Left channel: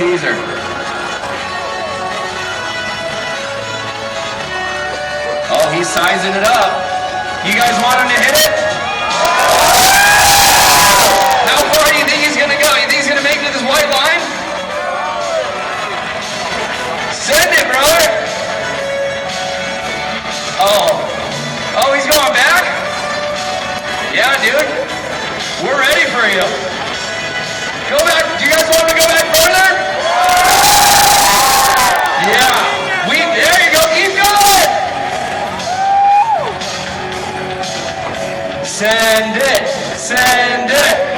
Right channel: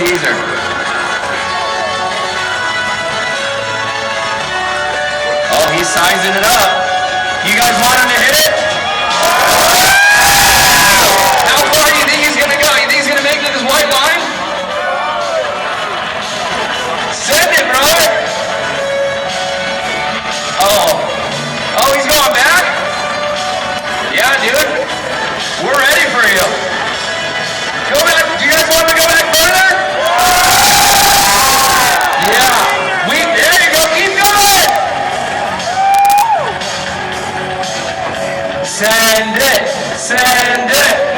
teaser. Oh, he's sizing it up. You guys want him to hit it? How far do you think he's going to go? You think he's going to make it to this white line? Send it, brother. Oh, he's going back? Yeah, dude. We're ready for you. Go back. Do you guys want him to go back further? Yeah. There you go. Keep going. Send it. Send it.